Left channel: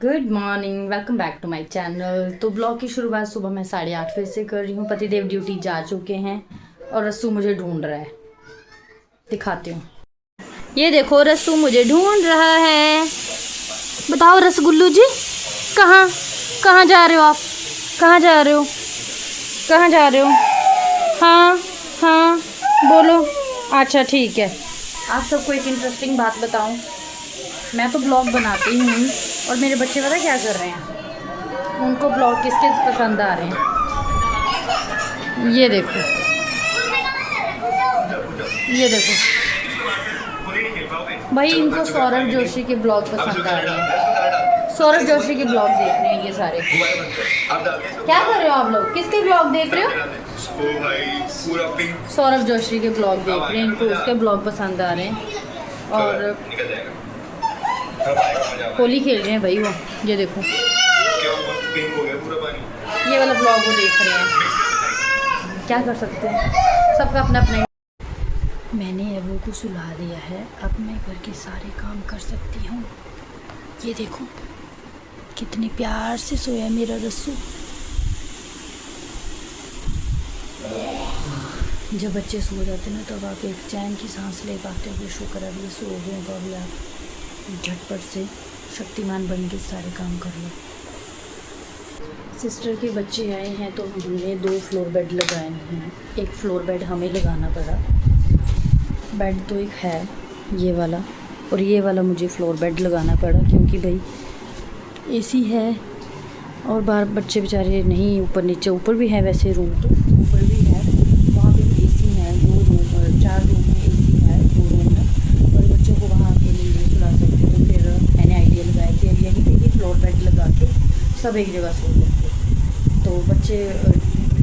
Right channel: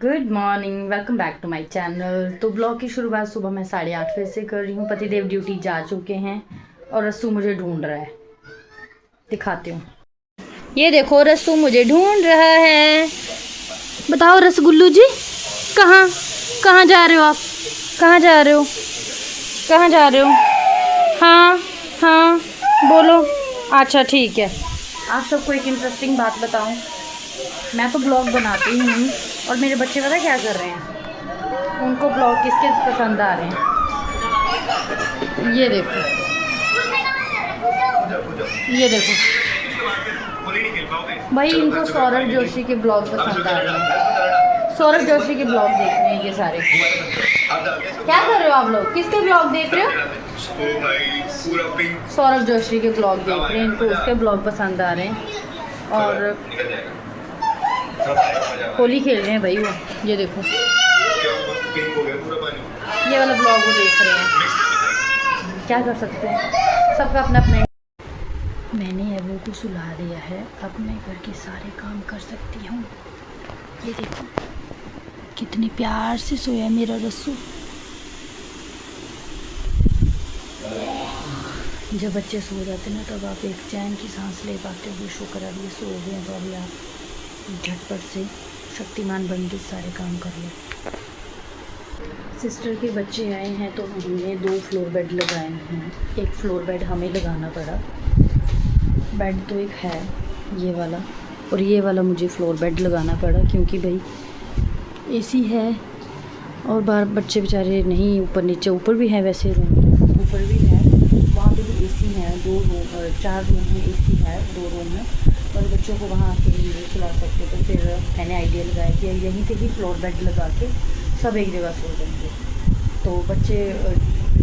Good morning, welcome back to my channel. तो blog की शुरुआत सुबह मैं 8:30 बजे से कर रही हूँ। पतिदेव ड्यूटी जा चुके हैं और रस्सू मुझे ढूंढ रहा है। दिखाती हूँ, ये देखो रस्सू मुझे ढूंढ रहा है। बताओ रसगुल्लू जी, कहाँ कहाँ जा रहे हो आप? कहाँ जा रहे हो? कहाँ जा रहे हो? हाँ हाँ बोलो। अच्छा ठीक है। आप सबको एक इंटरेस्टिंग बात बताऊँ, मैं तो ब्लॉग बनाती ही हूँ और मेरे बच्चे पता क्या कर रहे हैं, उनको ब्लॉग किसके पसंद आ रहे हैं। ये देखो, ये देखो भाई, इनको सौरभ जोशी के ब्लॉग पसंद आ रहे हैं। सौरभ जोशी के ब्लॉग देख रहे हैं ये सारे। क्या कर रहे हो आप लोग? किसके ब्लॉग देख रहे हो? सौरभ जोशी के ब्लॉग देख रहे हैं, इनको उसके ब्लॉग पसंद आ रहे हैं। और होली खेल रहे हैं भाई वो। ये देखो, ये वाला ब्लॉग वो देख रहे हैं। क्या कर सकते हैं, सबका अपना अपना। मैंने अबू को सुला दिया है, अब मैं घर के सारे काम कर सकती हूँ। ये देखो कितने प्यार से सोया मेरा रस्सू। जब बच्चे सो जाते ना तब आप एक चैन की सांस ले पाते हो। शुक्र अब ये सो गए, तो अभी आप झटपट से शक्तिमान बन के सारे काम कर लो। सिस्टर के बच्चे आए हैं तो हमने 2 फ्लोर बेड लगाए हैं। एक फ्लोर बेड हमें लगाना पड़ा। बेड तो एक है ये वाला, और ये वाला मुझे फ्लोर बेड लगाना पड़ा क्योंकि भाई एसी है और बाहर बच्चे बेचारे नहीं, ऊपर नीचे, ऊपर भी है वैसे रूम, तो ऊपर भी है, वहाँ पे भी एसी है। 2 रूम और 4 रूम में एसी है, 2 रूम में, और बच्चों को वहाँ अकेले नहीं सुला सकते। तो फिर मैंने आइडिया लगाया कि यहीं पे ही फ्लोर बेड लगा के सब एक जगह सो जाएंगे। तो बच्चे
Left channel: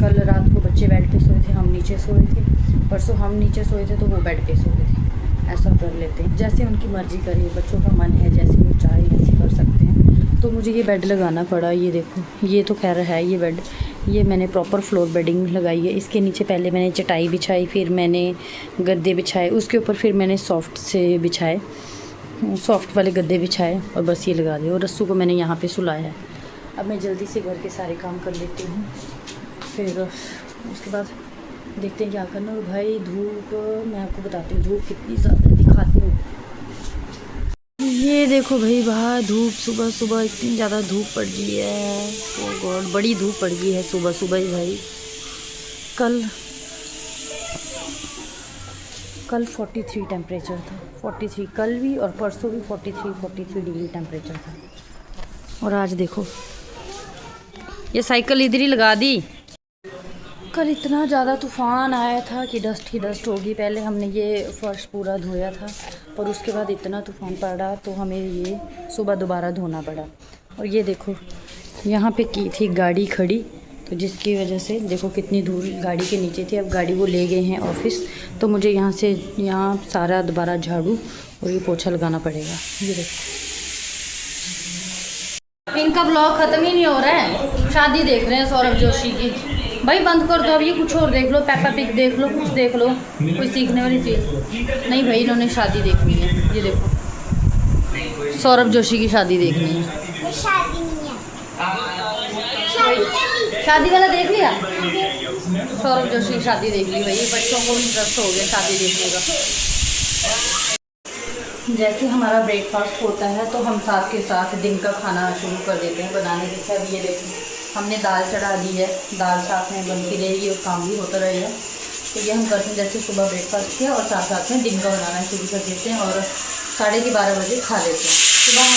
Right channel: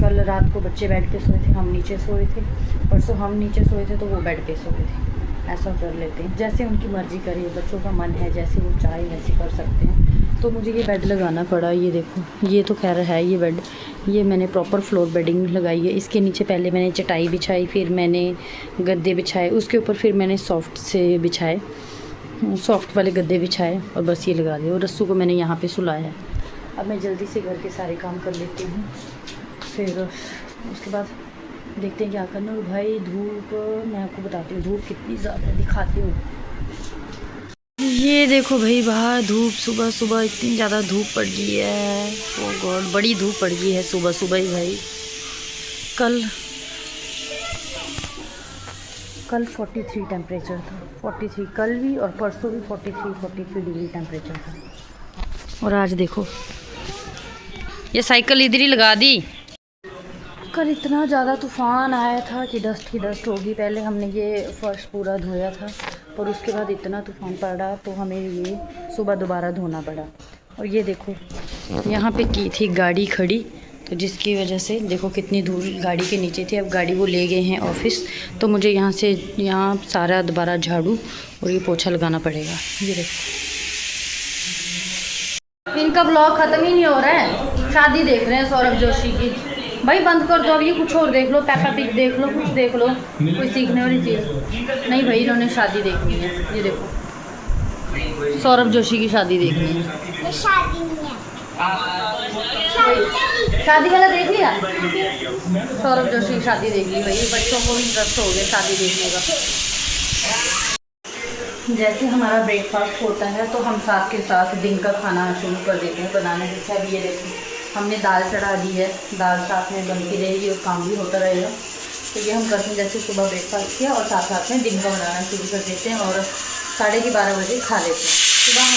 कल रात को बच्चे बेड पे सोए थे, हम नीचे सोए थे। परसों हम नीचे सोए थे तो वो बेड पे सोए थे। ऐसा कर लेते हैं, जैसे उनकी मर्ज़ी करिए, बच्चों का मन है जैसे वो चाहे वैसे कर सकते हैं। तो मुझे ये बेड लगाना पड़ा। ये देखो, ये तो खैर है ये बेड, ये मैंने प्रॉपर फ्लोर बेडिंग लगाई है। इसके नीचे पहले मैंने चटाई बिछाई, फिर मैंने गद्दे बिछाए, उसके ऊपर फिर मैंने सॉफ्ट से बिछाए, सॉफ्ट वाले गद्दे बिछाए, और बस ये लगा दिए। और रस्सू को मैंने यहाँ पे सुलाया है। अब मैं जल्दी से घर के सारे काम कर लेती हूँ, फिर उसके बाद देखते हैं क्या करना। और भाई धूप, मैं आपको बताती हूँ धूप कितनी ज़्यादा, दिखाती हूँ। ये देखो भाई, बाहर धूप, सुबह सुबह इतनी ज़्यादा धूप पड़ गई है। ओ गॉड, बड़ी धूप पड़ गई है सुबह सुबह ही भाई। कल 43 टेम्परेचर था, 43 कल भी, और परसों भी 43 डिग्री टेम्परेचर था। और आज देखो, ये साइकिल इधर ही लगा दी। कल इतना ज़्यादा तूफ़ान आया था कि डस्ट ही डस्ट होगी। पहले हमने ये फर्श पूरा धोया था, और उसके बाद इतना तूफ़ान पड़ा तो हमें ये सुबह दोबारा धोना पड़ा। और ये देखो, यहाँ पे की थी गाड़ी खड़ी, तो जिसकी वजह से देखो कितनी धूल गाड़ी के नीचे थी। अब गाड़ी वो ले गए हैं ऑफिस, तो मुझे यहाँ से यहाँ सारा दोबारा झाड़ू और ये पोछा लगाना पड़ेगा। ये देखो, इनका ब्लॉग ख़त्म ही नहीं हो रहा है। शादी देख रहे हैं सौरभ जोशी की। भाई बंद कर दो अब, ये कुछ और देख लो, पेपा पिग देख लो, कुछ देख लो, कोई सीखने वाली चीज़ नहीं। भाई इन्होंने शादी देखनी है। ये देखो, सौरभ जोशी की शादी देखनी है। शादी वाला देख लिया, सौरभ जोशी की शादी देख ली भाई। बच्चों को भी इंटरेस्ट हो गया शादी देखने का। जैसे हमारा ब्रेकफास्ट होता है तो हम साथ के साथ दिन का खाना शुरू कर देते हैं बनाने के। अब ये देखो, हमने दाल चढ़ा दी है, दाल साथ में बनती रहेगी और काम भी होता रहेगा। तो ये हम करते हैं, जैसे सुबह ब्रेकफास्ट किया और साथ साथ में दिन का बनाना शुरू कर देते हैं, और 12:30 बजे खा लेते हैं। सुबह हम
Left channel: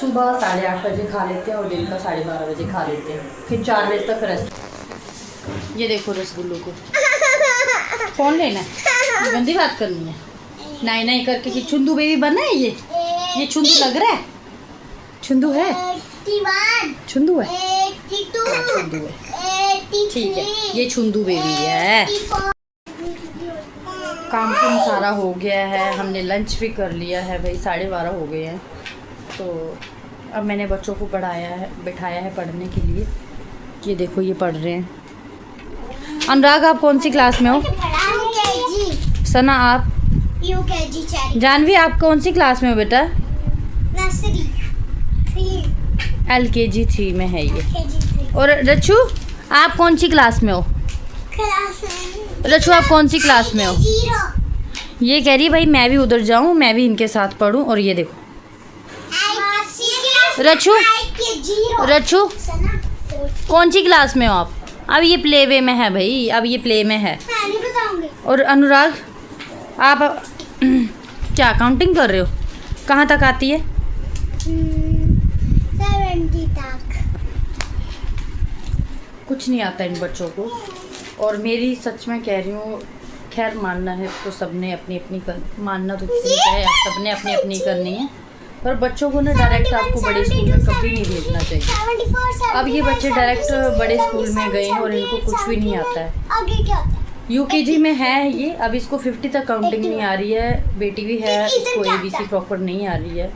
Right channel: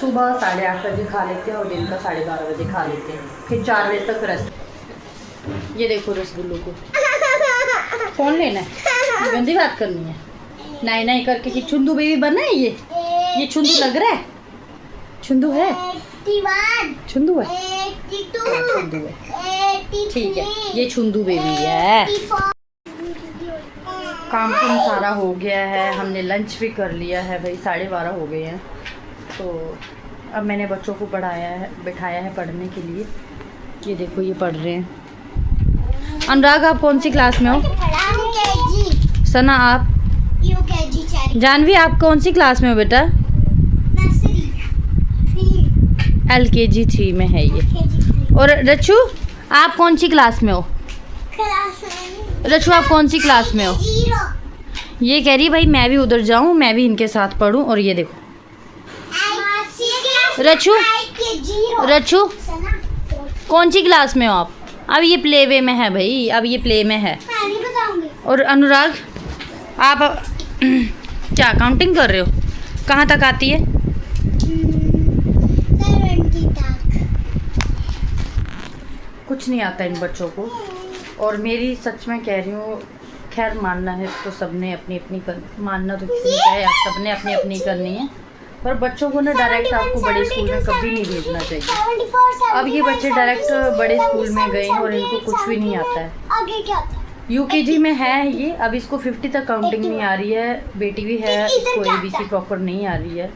सुबह 8:30 बजे खा लेते हैं और दिन का 12:30 बजे खा लेते हैं, फिर 4 बजे तक रेस्ट। ये देखो रसगुल्लू को कौन लेना है, गंदी बात करनी है। नहीं नहीं करके कि छुंदू बेबी बना है ये छुंदू लग रहा है। छुंदू है, छुंदू है, छुंदू है, ठीक है, ये छुंदू बेबी है। काम कुम सारा हो गया है, हमने लंच भी कर लिया है भाई, 12:30 हो गए हैं। तो अब मैंने बच्चों को पढ़ाया है, बिठाया है पढ़ने के लिए। ये देखो ये पढ़ रहे हैं। अनुराग आप कौन सी क्लास में हो? KG। सना आप? UKG cherry. जानवी आप कौन सी क्लास में हो बेटा? नर्सरी 3 LKG 3 में है ये। केजी 3 और रचू आप कौन सी क्लास में हो? क्लास में रचू आप कौन सी क्लास में हो? 0। ये कह रही भाई मैं भी उधर जाऊं, मैं भी इनके साथ पढूं। और ये देखो रचू, रचू कौन सी क्लास में हो आप? अब ये प्ले वे में है भाई, अब ये प्ले में है। नहीं बताऊंगी। और अनुराग आप क्या काउंटिंग कर रहे हो? कहाँ तक आती है? 70 तक। कुछ नहीं आता इन बच्चों को। और मेरी सच में कह रही हूँ, खैर मानना है तो सबने अपनी अपनी मानना तो किसी का है, सबने अपनी अपनी करनी है। पर बच्चों को ना डायरेक्ट आपको बड़े स्कूल में कभी नहीं भेजना चाहिए। अब ये बच्चे डायरेक्ट बड़े स्कूल में गए हैं और इनको कुछ भी नहीं आता है। आगे क्या होता है? यूकेजी में है ये, अब इसको 50 तक काउंटिंग नहीं आ रही है। बेटी भी है, इसको ABC प्रॉपर नहीं आ रही है।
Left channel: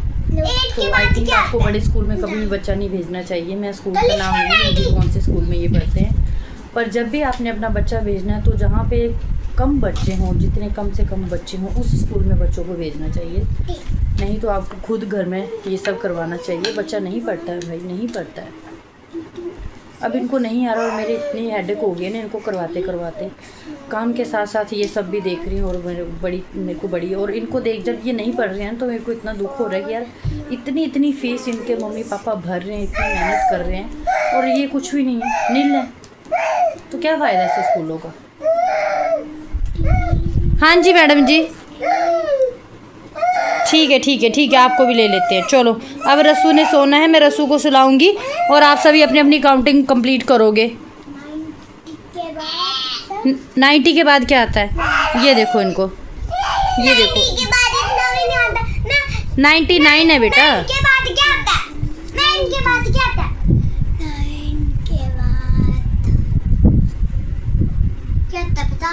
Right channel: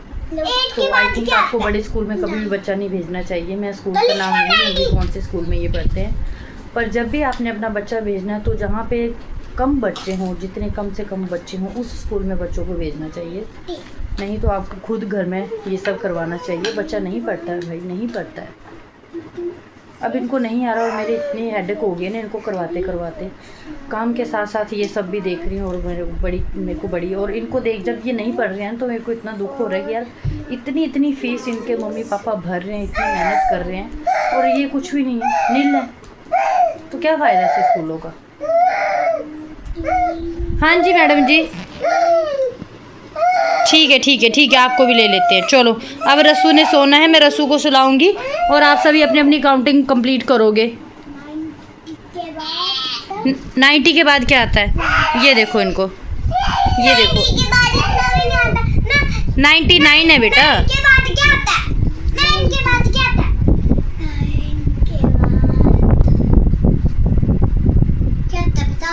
तो आई थिंक आपको बड़े स्कूल में कभी भी बच्चा नहीं भेजना चाहिए। मैं स्कूल का नाम नहीं लूँगी कौन से स्कूल में ये पढ़ते हैं, पर जब भी आपने अपना बच्चा भेजना है तो जहाँ पे कम बच्चे हों, जितने कम से कम बच्चे हों उस स्कूल में बच्चों को भेजना चाहिए। नहीं तो आपको खुद घर में ये सब करवाना चाहिए। बच्चा नहीं पढ़ता है भाई, नहीं पढ़ता है। अब इनको नहीं आ रहा और मेरे इतनी हेडेक हो गई ना इनको करवाते करवाते। काम के साथ साथ ये सब भी देख रही हूँ और मेरे को बड़ी और इनको देख जब ये नहीं पढ़ रहे हैं तो मेरे को इतना दुख हो रहा है कि यार इतनी फीस इनके मम्मी पापा भर रहे हैं, इतनी मेहनत कर रहे हैं और ये कुछ भी नहीं है, नील है। तो क्या फ़ायदा है ऐसे स्कूलों का? हाँ जी मैडम जी, ठीक है आपको भी ले लेते हैं। चलो अब रसू ने सोना है, मैं रसू को सुलाऊंगी और आप सभी अपनी अपनी काउंटिंग कंप्लीट करोगे। 90 के बाद क्या आता है? ये देखो इनको, ये देखो 99 है बेटा। के बाद क्या आता है? 9 के बाद क्या आता है? 9 के बाद क्या आता है पता?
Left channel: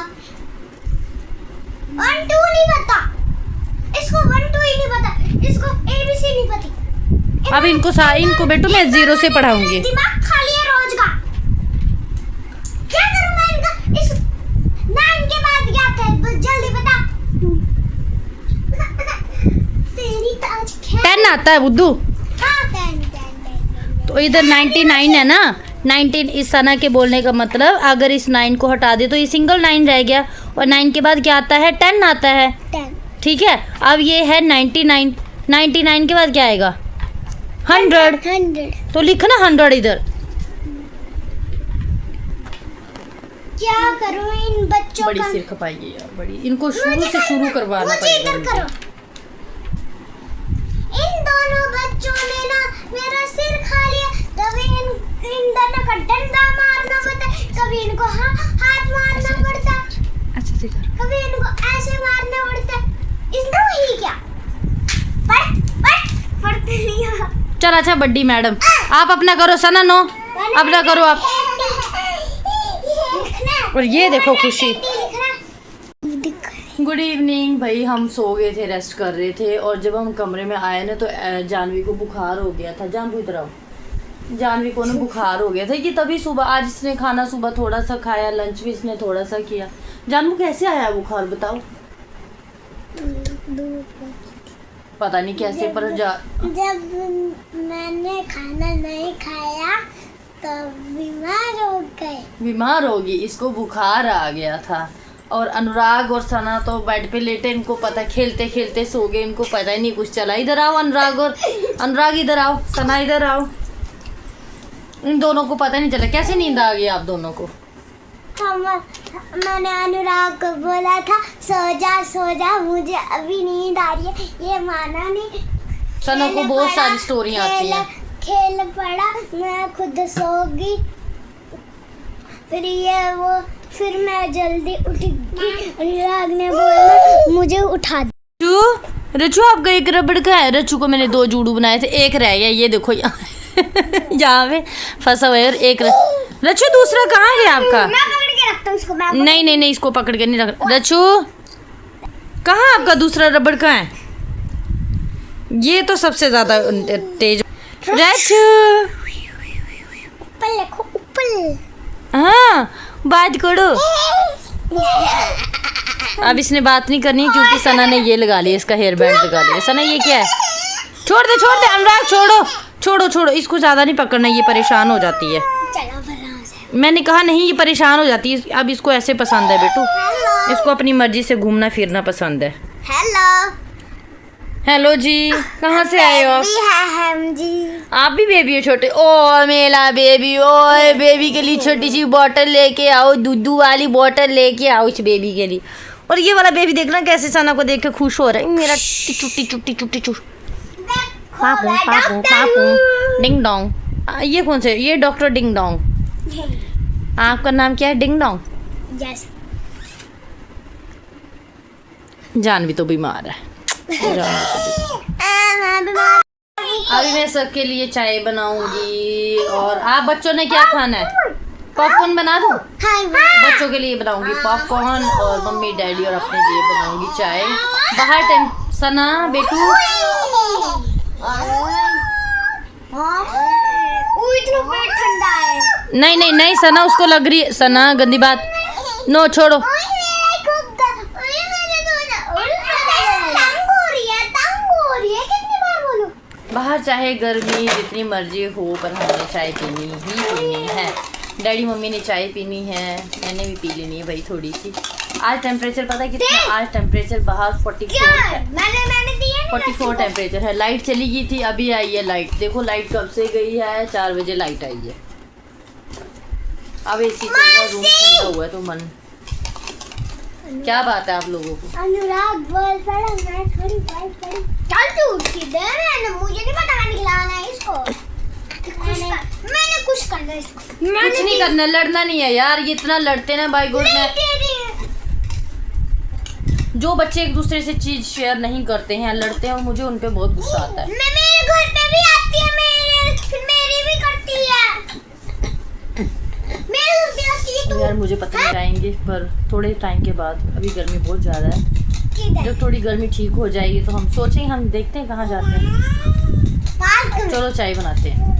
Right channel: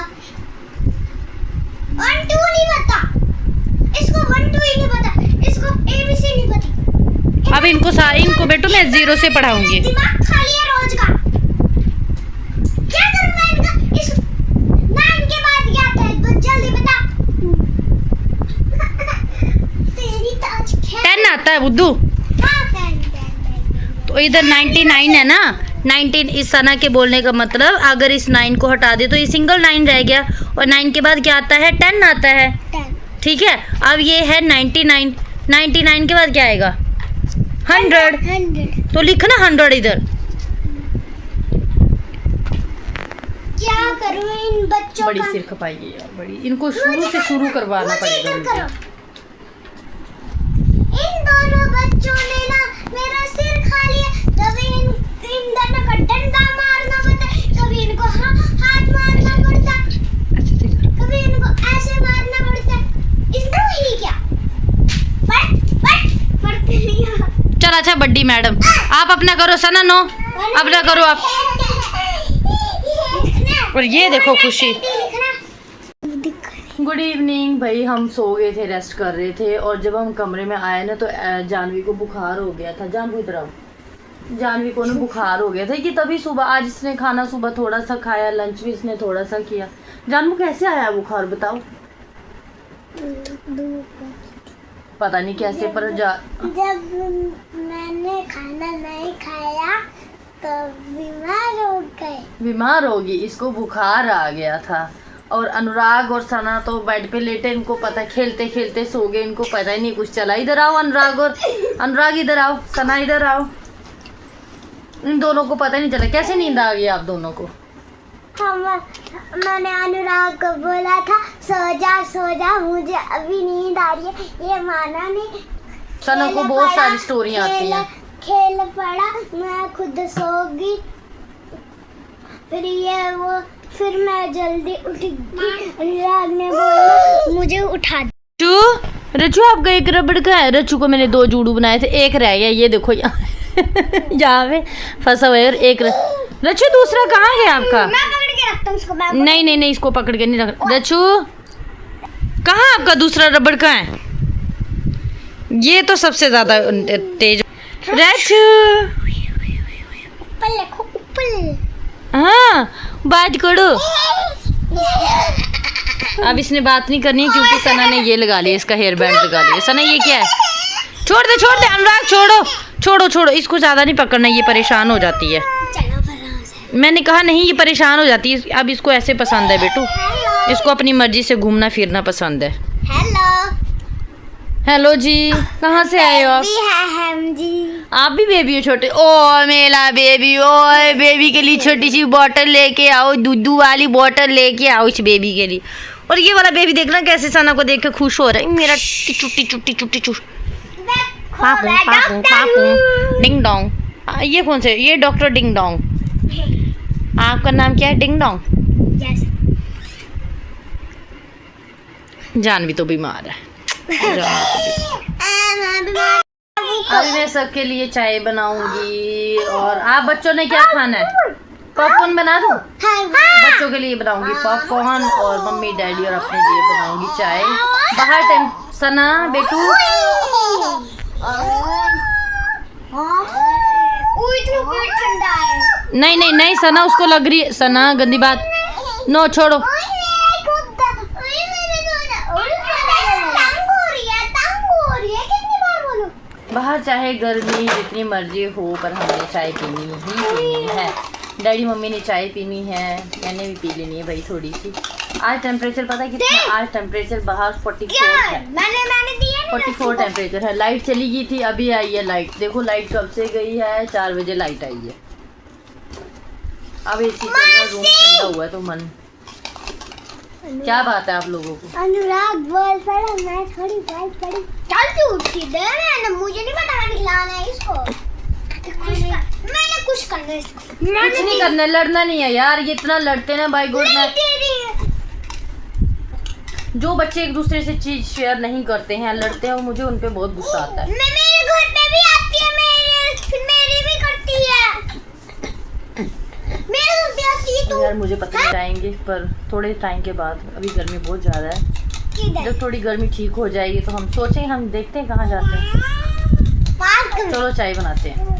1 2 नहीं पता इसको, 1 2 ही नहीं पता इसको, ABC नहीं पता। अब इनको बेटू मैं 0 से पढ़ाऊंगी। दिमाग खाली है रोज का। क्या करूं मैं इनका? इस 9 के बाद क्या आता है? बस जल्दी बता। तेरी ताज क्या 10 आता है बुद्धू। हाँ, 10 तो इधर 99 है ना। 19 इस सना के बोलने का मतलब अगर इस 9 को हटा दे तो ये सिंगल 9 रह गया और 9 के बाद क्या आता है? 10 आता है। 10 ठीक है, अब ये है 99। 99 के बाद क्या आएगा? 100। तो लिखना 100 इधर। क्या करूं इन बच्चों बड़ी का? सिर खपाई है यार, बड़ी। इनको शुरू से शुरू करवाना पड़ेगा मुझे। इन दोनों बच्चों ने ना मेरा सिर खा लिया। कभी इन दोनों का डंडा मारना पड़ता है, कभी इनको हाथ मारना पड़ता है, अच्छा से कर। कभी इनको ऐसे मारना पड़ता है। इनको ही क्या पढ़ते नहीं हो। चल अच्छा बड्डी मैडम आप अपना करो सना। नो अपना करो आप। और ये देखो खुशी। गुड इवनिंग भाई, हम सो गए थे, रेस्ट कर रहे थे और जब हम कमरे में आए ना तो जानवी को बुखार हो गया था। जानवी इधर आओ। जानवी को ना बुखार हो गया था कि तभी सुबह आज इसने खाना सुबह थोड़ा सा खाया, लंच भी इसने थोड़ा सा किया। जानवी कैसे आया बुखार बताओ? पता नहीं कैसे पर जब मैंने खाना नहीं खाया तो बीमार होगी, इसको बुखार आ गया था। और अनुराग और सना तो बेड पे लेटे, इनको पता खेलते खेलते सो गए, इनको पता ही नहीं कुछ चला। इधर आओ अनुराग, और अनुराग इधर आओ, सना इधर आओ। इन दोनों को पता नहीं चला कैसे नींद आ गई आप दोनों को। मैंने अनुराग को बोला था सो जा मुझे अभी नींद आ रही है, ये माना नहीं। सना को बहुत सारी स्टोरियाँ आती हैं। खेल पड़ा, मैं खुद सो गई, फिर मैं जल्दी उठ गई। अनुराग ने बोला मुझे उठा दो। रचू आपका एक रबड़ का है? रचू को मैंने 2 जूड़ू बनाए थे, एक रह गया। ये देखो यहाँ यहाँ पे फंसा हुआ है। और एक रचू दूसरा कहाँ गया आपका? मैं पकड़ के रखता हूँ उसको। नहीं इसको पकड़ के नहीं रख। रचू कहाँ आपका दूसरा रबड़ का है? ये तो सबसे ज्यादा तेज। रचू ऊपर देखो, ऊपर। हाँ बात करो। अब इसने बात नहीं करनी क्योंकि सना ने ये लगा लिया, इसका हेयर बैंड लगा लिया। सना ये क्या है? छोड़ दे अनुराग, छोड़ो इसको ज़्यादा नहीं पकड़ना, ये परेशान हो जाती है। मैंने कहा नहीं, ये परेशान हो जाती है। अब इसको ऐसे पसंद है बेटू, इसको अपनी मर्जी से घूमना फिरना पसंद है। हेलो जी, कहाँ से आए हो आप? हम जी। आप भी बेबी हो छोटे? ओ मेरा बेबी, ओ बेबी के लिए छोटी सी बोतल लेके आओ, दूध वाली बोतल लेके आओ इस बेबी के लिए। और ये वाला बेबी देखना कैसे सना को देख के खुश हो रहा है। मेरा चुट्टी पापू डिंग डोंग। ये कौन से? ये डॉक्टर डिंग डोंग। आपका नाम क्या है? Ding dong. जानवी तो बीमार है। अभी मैं सबके लिए चाय बनाऊंगी। और आप बच्चों ने क्या खाना है? पॉपकॉर्न बना दूं? बच्चों के लिए बनाऊंगी पॉपकॉर्न और मम्मी डैडी और अपने लिए बनाऊंगी चाय। बाहर टाइम सना बेटू ठंडा है। नहीं सना, उसको लग रही है। सना गंदी बात, नो छोड़ो। बाहर चाहे गर्मी जितनी मर्जी हो पर हमने चाय पीनी ही पीनी है। डैडी मम्मी ने चाय पीनी है, मैंने भी पी लेनी है भाई थोड़ी सी। आज टेम्परेचर पता है कितना? आज टेम्परेचर बाहर 44 है। मैंने दिया 44 टेम्परेचर है। लाइट चली गई थी, अभी आई है लाइट। देखो लाइट कब से गई है, 4 बजे लाइट आई है। अब एसी चल रहा, रूम ठंडा हुआ है तो मन। क्या बात है आप लोगों को? अनुराग बोल पड़ा, मैं थोड़ी बात करी। चल तू किधर है? मुझे नहीं पता, मैंने खिलाना है इसको। मैंने कुछ करना है इसको। कुछ नहीं करना, लड़ना नहीं है यार। ये इतना लड़ते ना बाय गुड ने। जो बच्चे एक दूसरे से चीज शेयर नहीं करते हैं, लड़ते हैं, और मुझे उन पे बहुत गुस्सा आता है। मैं मेरे घर पे भी आती है, मेरी भी करती है। मेरे घर पे आती है तो यार मुझे पता नहीं जाएंगे पर थोड़े टाइम के बाद। अभी गर्मी बहुत ज़्यादा है। जब थोड़ी गर्मी ठीक हो जाएगी तो हम सोचेंगे, हम देखते हैं कहाँ जाते हैं। चलो चाय बनाते हैं।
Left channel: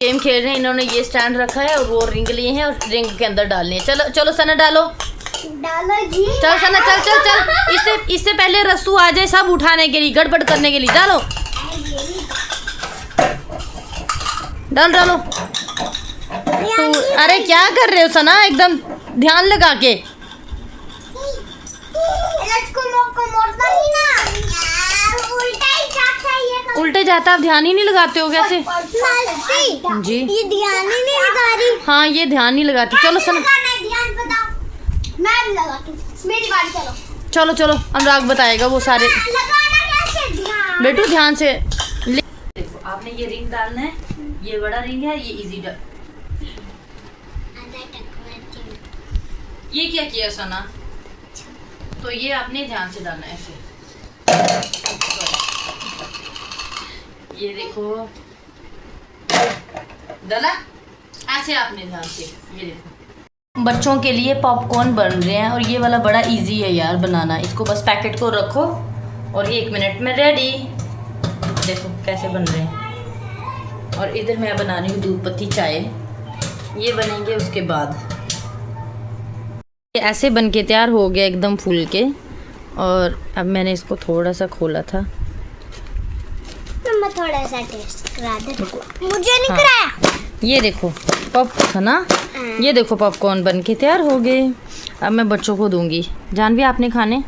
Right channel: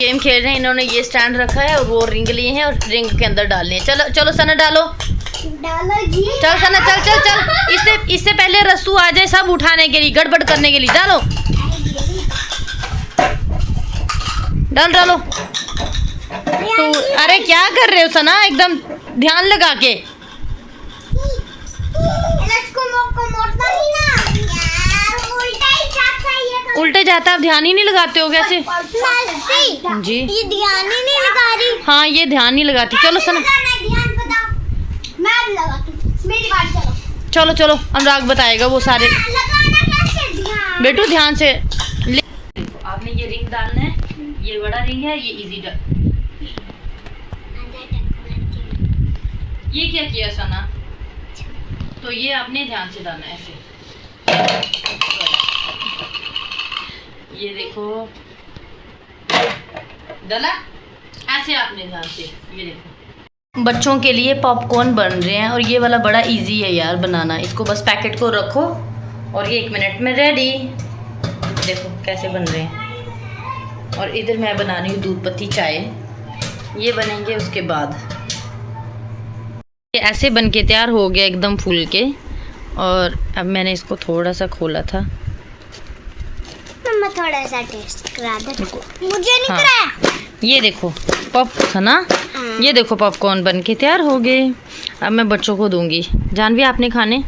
गेम खेल रहे हैं, इन्होंने ये स्टैंड रखा है और वो रिंग लिए हैं और रिंग के अंदर डालनी है। चलो सना डालो जी। चल सना चल। इससे पहले रस्सू आ जाए सब उठाने के लिए, गड़बड़ करने के लिए। डालो डालो। तो अरे क्या कर रहे हो सना? एकदम ध्यान लगा के। उल्टे जाता, आप ध्यान ही नहीं लगाते हो कैसे? जी ये ध्यान ही नहीं लगा रही। हाँ ये ध्यान नहीं लगाती। चलो सना मैं लगाती हूँ, मेरी बात। चलो अनुराग बताएगा वो सारे। बेटू ध्यान से। देखो आपने ये रिंग डालना है, ये बड़ा रिंग है, ये इजी ये क्या किया सना? तो ये आपने ध्यान से डालना है ऐसे। ये देखो डाला ऐसे आपने ध्यान से। ये देखो बच्चों के लिए पॉपकॉर्न बन रहे हैं और ये वाला बड़ा इजी है यार बनाना। इसको बस पैकेट को रखो और ये 1 मिनट में रेडी। देखो कैसे बन रहे हैं। और इधर मैं बना रही हूँ दूध पत्ती चाय। ये बनेंगे उसके बाद। ये ऐसे बन के तैयार हो गया एकदम फूल के। और अब मैंने इसको थोड़ा सा खोला था। मैं थोड़ा सा टेस्ट करा दे। मुझे नहीं कराया। ये देखो पॉप था ना। ये देखो पॉपकॉर्न बन के तैयार हो गए। अब मैं बच्चों को दूंगी। जानवी आपने खाने?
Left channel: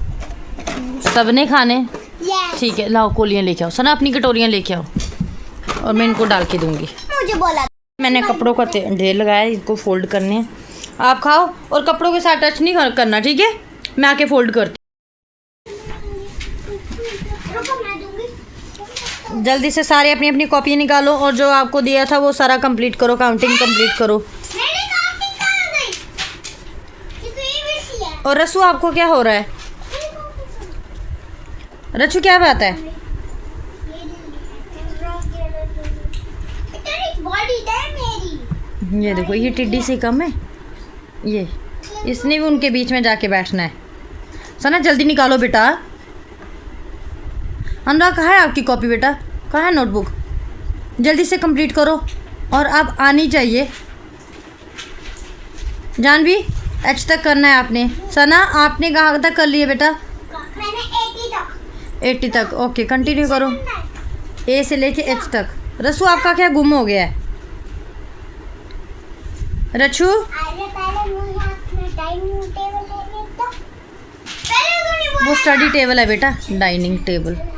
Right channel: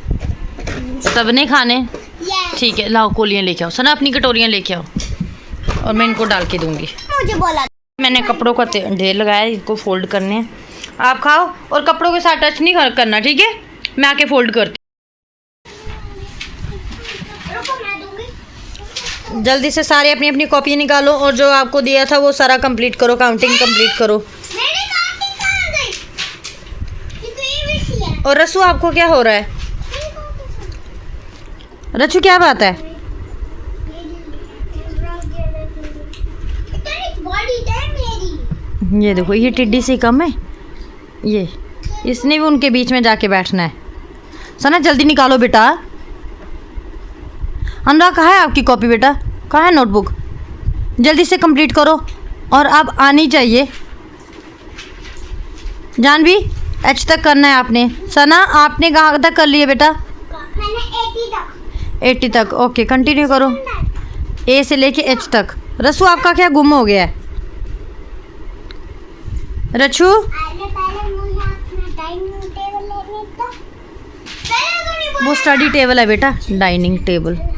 सबने खाने? ठीक है लाओ कोलियाँ लेके आओ। सना अपनी कटोरियाँ लेके आओ और मैं इनको डाल के दूंगी। मुझे बोला मैंने कपड़ों का ढेर लगाया, इनको फोल्ड करने हैं। आप खाओ और कपड़ों के साथ टच नहीं करना, ठीक है? मैं आके फोल्ड करती। जल्दी से सारे अपनी अपनी कॉपी निकालो और जो आपको दिया था वो सारा कंप्लीट करो, काउंटिंग कंप्लीट करो। और रसू आपको क्या हो रहा है? रचू क्या बात है? ये देखो ये टिड्डी से कम है। ये इसने भी उनके बीच में जाके बैठना है। सना जल्दी निकालो बेटा। अनुराग कहाँ है आपकी कॉपी बेटा? कहाँ है नोटबुक? जल्दी से कंप्लीट करो और अब आनी चाहिए। जानवी एच तक करना है आपने। सना आपने कहाँ तक कर लिया बेटा? मैंने 80 तक। 80 तक। ओके कंटिन्यू करो, ए से लेके एच तक। रसू आपका क्या गुम हो गया है? रचू अरे पहले मुझे अपना डाइनिंग टेबल लेने दो। पहले तो नहीं वो स्टडी टेबल है बेटा, डाइनिंग टेबल। मैं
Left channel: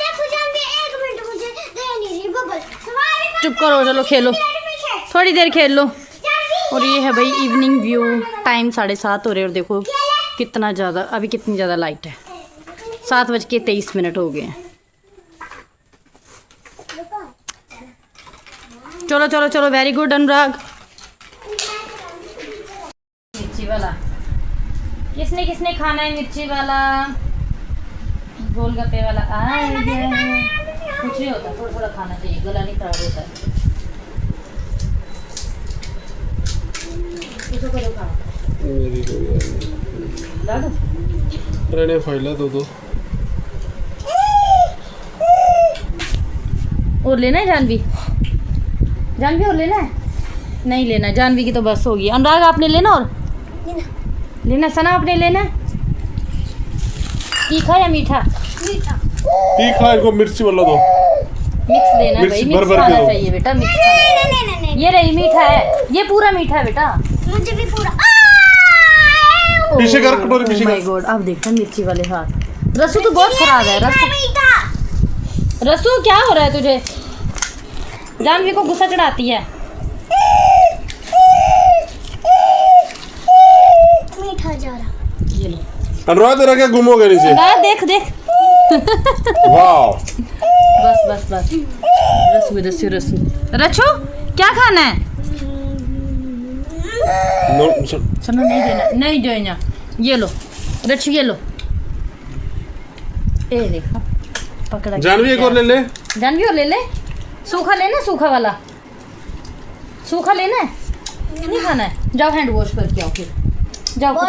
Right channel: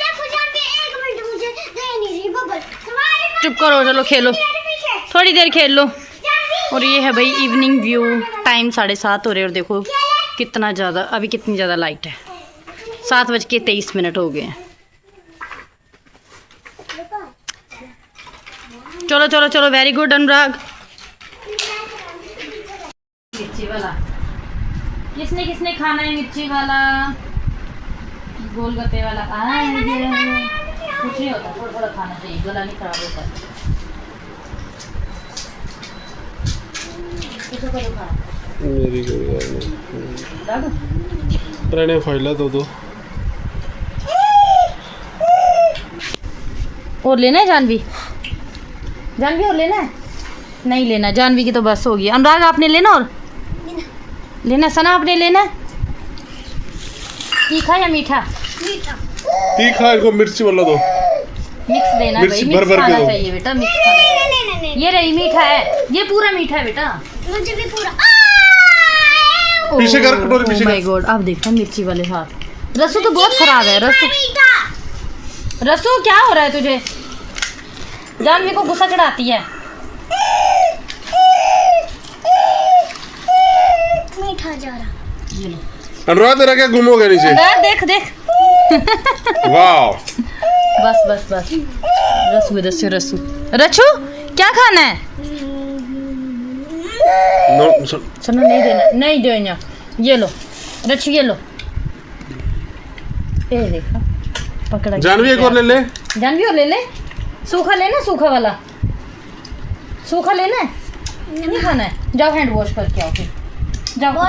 देखो जाऊंगी, 1 मिनट मुझे दे नहीं रही बबल। तुम्हारे चुप करो, चलो खेलो, पीछे थोड़ी देर खेल लो। जल्दी। और ये है भाई इवनिंग व्यू, टाइम 7:30 हो रहे और देखो कितना ज़्यादा, अभी कितनी ज़्यादा लाइट है। 7:23 हो गए हैं। चलो चलो चलो, वेरी गुड अनुराग। मिर्ची वाला किसने किसने खाना है? मिर्ची वाला, गोलगप्पे वाला कुछ नहीं होता, थोड़ा थोड़ा खाना चाहिए, गला नहीं खराब होता। इसको करो खाना, मेरी कोई बात नहीं। ला दो। ट्रेने फैला दो। और लेना है जानवी? जानवी और लेना है? नहीं लेना, जानवी की तो बस होगी। अनुराग आपने लेना और लेना? सना आपने लेना है? तीखा या मीठा? मीठा। तीखा इनको मिर्ची वाला दो। मिक्स देना है भाई, मिर्च मिक्स भर के खाना दो। चाहिए बेटा, मिक्स खाना। नहीं ये रही मीठा है, ये पूरा मीठा है बेटा। मुझे भी पूरा। पीछे कर कटोरी, पीछे माय कर। गॉड, अब देखना मिर्ची वाले हाथ। रसू तो बहुत खराब है। रसू क्या हो रहा है तुझे? जानवी को गुस्सा चढ़ाती है। मीठा जा रहा। ये लो अनुराग तेरा क्या गुम हो गया नीचे? अनुराग, देख देख। वाह, बस बस बस। रसू रसू रसू रचू क्या खाना है? सुनो, नहीं देना, नहीं देना। ये लो रचू, ये लो। ये देखो पकड़ा। जानवी एक और ले ले। जानवी और ले ले। सूखा लेना, सूखा वाला सूखा लेना है? नहीं खाना है? जाओ हैंड वॉश करके आओ फिर, जाओ।